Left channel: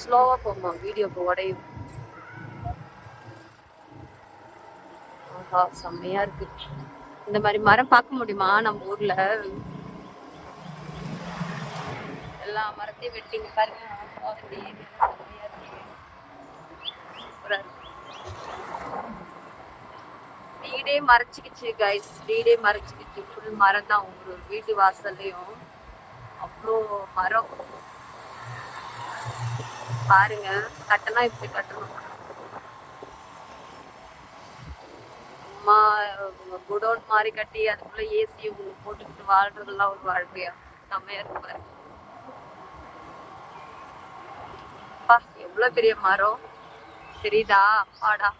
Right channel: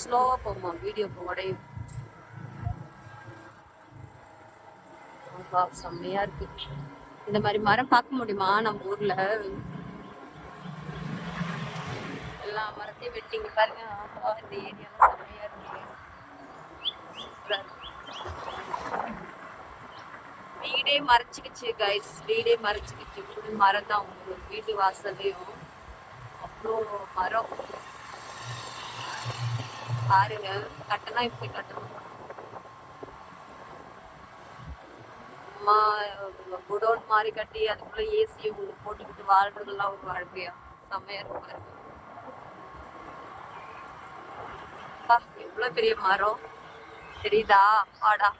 ஸ்லோவா போமா, வீடியோக்கு உடையும். ஆஹா, செம்மையா இருக்கு. இந்த மாதிரி மரம் பார்க்க முடியுமா நம்ம ஊர்ல? எல்லா மரத்தையும் வெட்டிங்க பாருங்க. ஆஹா, இந்த ஏரியால செம்மையா இருக்கு. சூப்பரா இருக்கு. வீடே மறைச்சிக்கிச்சு கைஸ், வீடே மறைச்சிக்கிச்சு. ஃபுல் மரம் தான். ஒரு வீட்டு வாசல்லையும் அவ்வளோ மரம் பாருங்க. கட்டணா இப்படி கட்டணும். சும்மா குடோன் மாதிரி கட்டி அதுக்குள்ள ஏசி ஒண்ணு போட்டுக்கிட்டு வாழ்றதெல்லாம் ஒரு வாழ்க்கையா? செம்மையா இருக்கு பாருங்க. அப்பா, எவ்வளவு பெரிய மரம் தெரியுதா? அப்பாடா,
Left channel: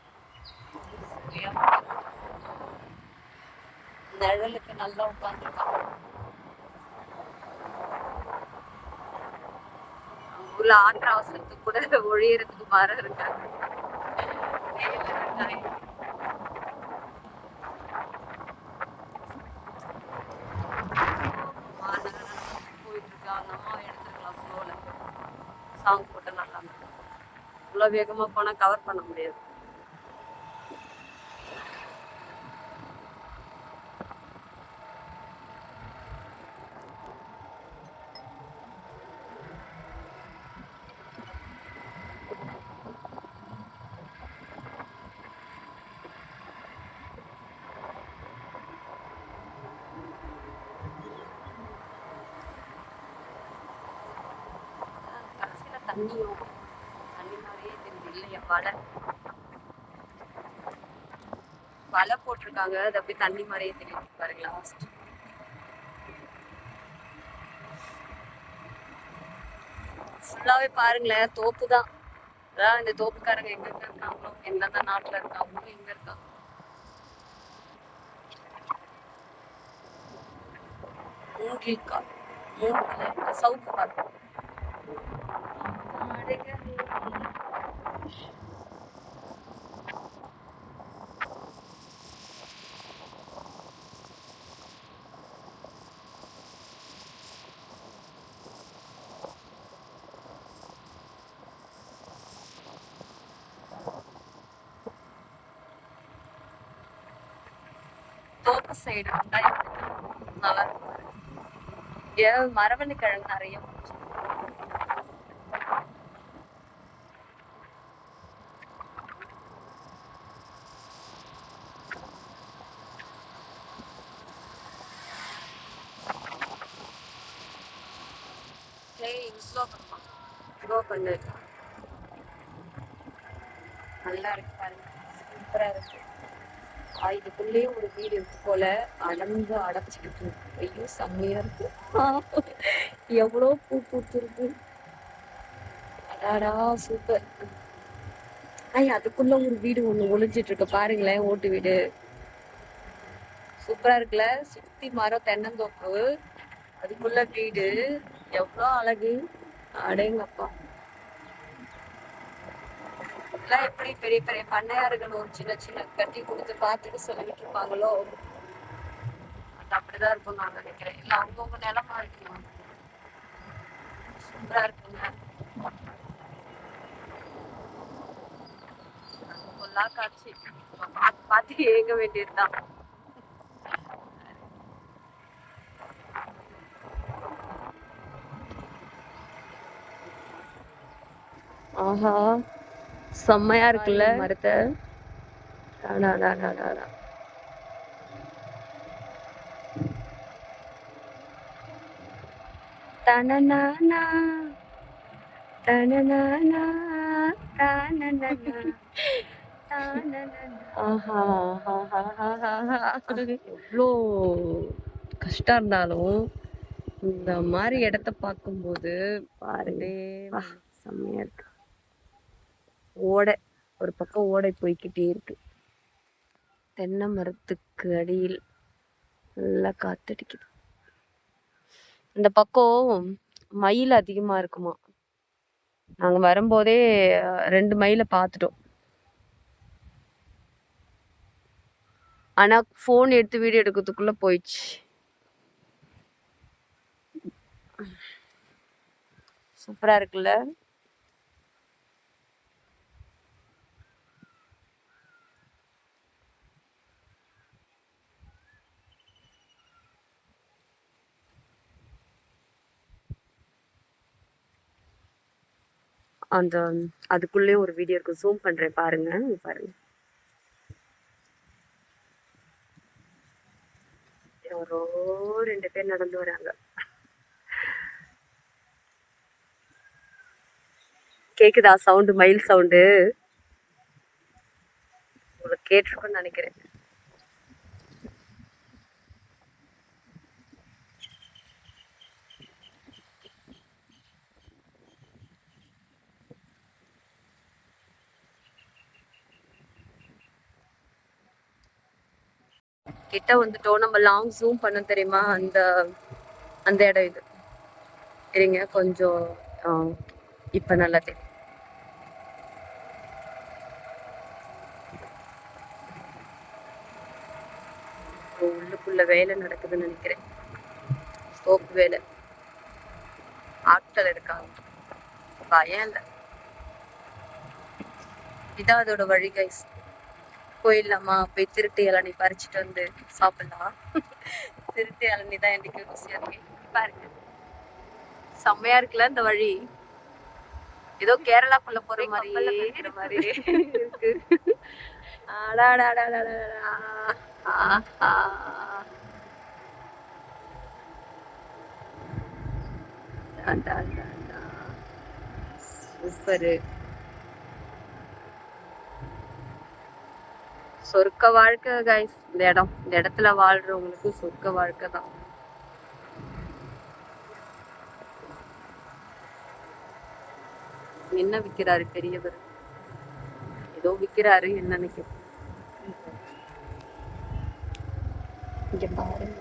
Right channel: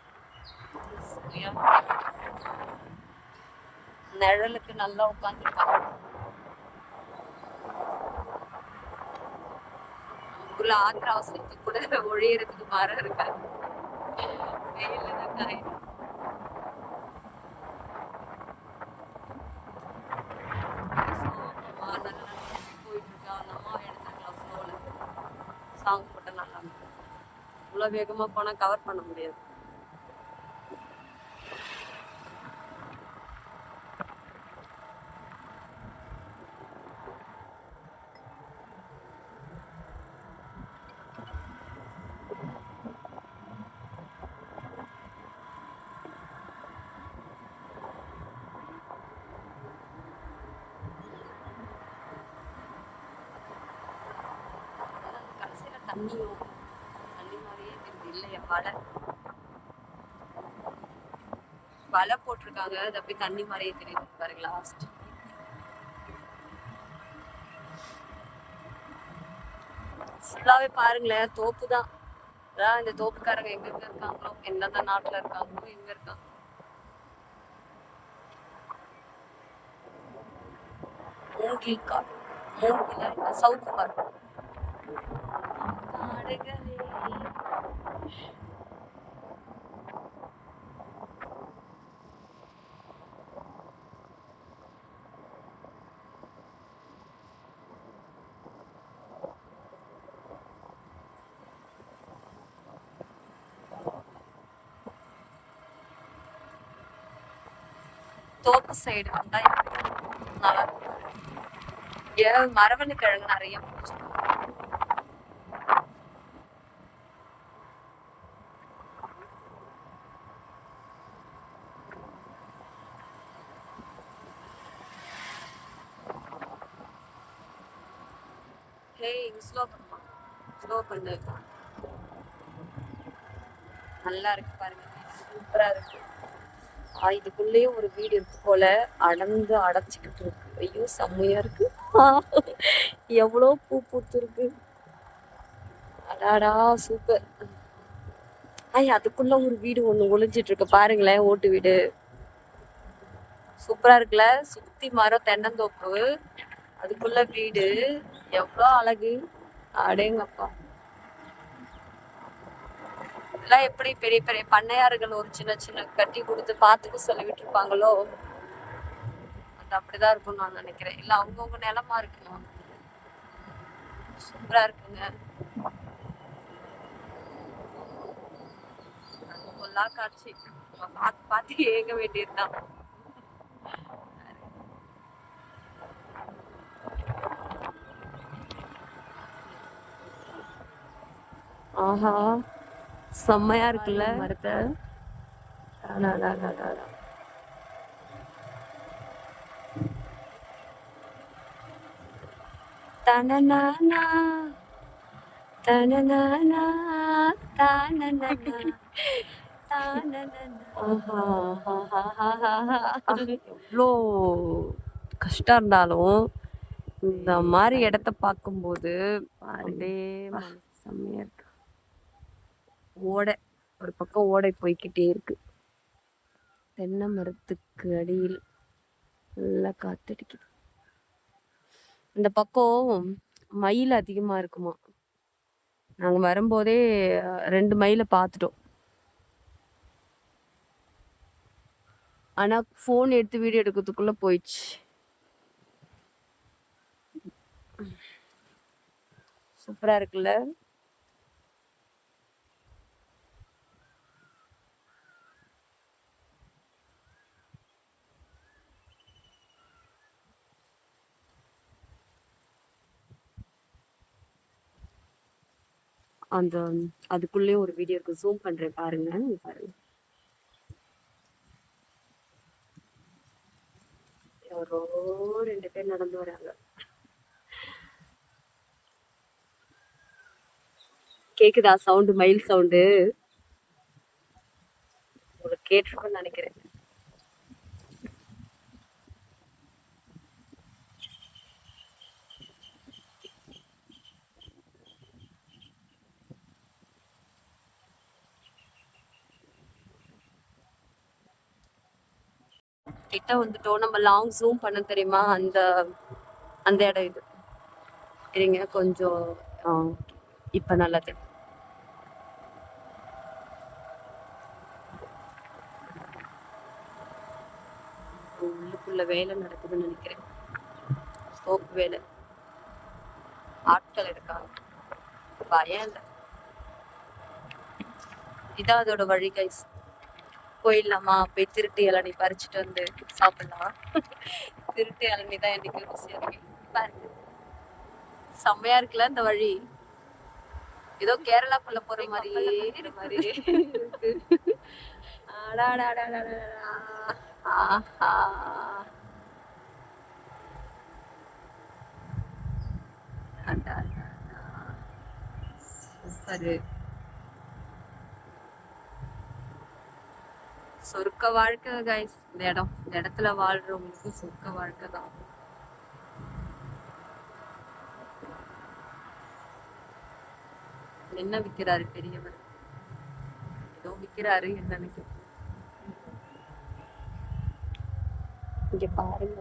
நிழலுக்கு நல்லா உட்காந்துருக்காங்க. ஊர்ல ஆத்திர அவசரத்துக்கு கூட ஒழியறதுக்கு மரம் இருக்காது. சாங் போட்டு நல்லா இவ்வளவு வேகமா போனா கவர் பண்ண முடியாது. தண்ணியும் தண்ணி மாதிரியே இல்லையா? வலை போட்டிருக்காங்க. அது அப்படியே தண்ணி மாதிரியே தெரியுது பாருங்க. லாஸ்ட் ஃபுல்லாவே பாருங்களேன், தோப்பு தான். அதான் இந்த தோப்புக்காரங்க எங்க இருக்காங்களோ, எந்தெந்த நாட்டுல இருக்காங்களோ, எங்க இருக்காங்க. மூங்கில் கார், மூங்கில சவுக்கு கார். தோப்பு சைடு வந்தா நல்லா இருக்கும். மரவள்ளி கிழங்கு நிறைய ஸ்லோ பண்ணு. நல்லா இருக்கு பாருங்க, சூப்பரா இருக்கு. இதுக்குள்ளேயும் ஒரு வீடு இருக்கு போல, அடைச்சிக்கிட்டு இருக்கு. ஐயோ செம்மையா இருக்கு. எவ்வளோ பூ பூத்துருக்கு. அடாடா, சூப்பர். அதுக்குள்ள ஒரு வீடு ஒண்ணு ஒளிஞ்சிட்டு இருக்கு பாருங்களேன், ஓட்டு வீடு. சூப்பரா இருக்குல்ல? சுத்தி மரம், தென்னந்தோப்பு, அதுக்குள்ள வீடு. எவ்வளோ அழகு. அடேங்கப்பா. எல்லாம் எப்படி பெரிய பெரிய பண்ணையாறுகள் ஒரு சின்ன சின்ன கட்டி கொடுத்து பார்த்துக்க சொல்லி விட்டுருப்பாங்களோ, அது அப்படிதான் இருக்கும்னு நான் நினைக்கிறேன். இல்ல அவங்கவுங்க நிலமா இருக்கலாம். சூப்பரா இருக்குங்க. பொல்லா காட்சி. பார்த்து பார்த்து ஏங்க வேண்டியதுதான். ஆஹா, செம்மையா இருக்குல்ல மரத்தை. தனநானா தனநானா தானநானா எவ்வளோ கஷ்டம் இருந்தாலும் இந்த மாதிரி இடத்த பார்க்கும்போது பாருங்க, செம்மையா இருக்கு. ஓடை ஒரு பக்கம் ஓடை போய்கிட்டே இருக்கு. தென்னை மரத்துக்கு அடியில் நல்லா காத்தடிக்குது. இந்த பக்கம் மயில் அதிகமா இருக்குமா. நாங்க வரும்போதே 2 மயிலை பார்த்துட்டோம். ஆனா போன் எடுத்து வீடியோ எடுக்கிறதுக்குள்ள போயிடுச்சு. சூப்பரா இருக்குல்ல? அந்த அதுக்குள்ளே ஒரு வீடியோ இருக்கு, ஜூம் பண்றேன் பாருங்க. பாருங்க, யாரோ 2 பேர் நடந்து வராங்க. கேக்குதா சவுண்டு? மயில் சவுண்டு உங்களுக்கு கேட்டிருக்கும்னு நினைக்கிறேன். கிட்ட வந்துட்டோம். நம்ம லாங் ஜூம் பண்ண தெரியுமா? அந்த அந்த இடம் இது. இருங்க கொஞ்சம். இப்ப நல்லா தெரியும். உள்ளுக்குள்ள வேலை நடக்குதுன்னு நினைக்கிறேன். சோப்பு வேலை. ஆட்கள் இருக்காங்க, பயம் இல்லை. இதான் அதோட வழி கைஸ். போயிடலாமா? போய் திருட்டு இளநீ பறிச்சுட்டு வந்து சாப்பிடலாம். திருட்டு இளநீ தான் எனக்கு ருசியா இருக்கு. பாருங்க, செம்மையா இருக்குல்ல இந்த வழி. ஏதோ கேரளாக்குள்ள போற மாதிரி இருக்கிற மாதிரி இருக்கு. சூப்பரு. சொர்க்க வாழ்க்கை கைஸ். இந்த இடத்துல வாழ்றவங்களுக்கு சொர்க்க வாழ்க்கை தான். என்ன விக்கிறாரு பெரியவர்? ஏதோ விக்கிறாரு, என்னன்னு இங்க பாருங்க.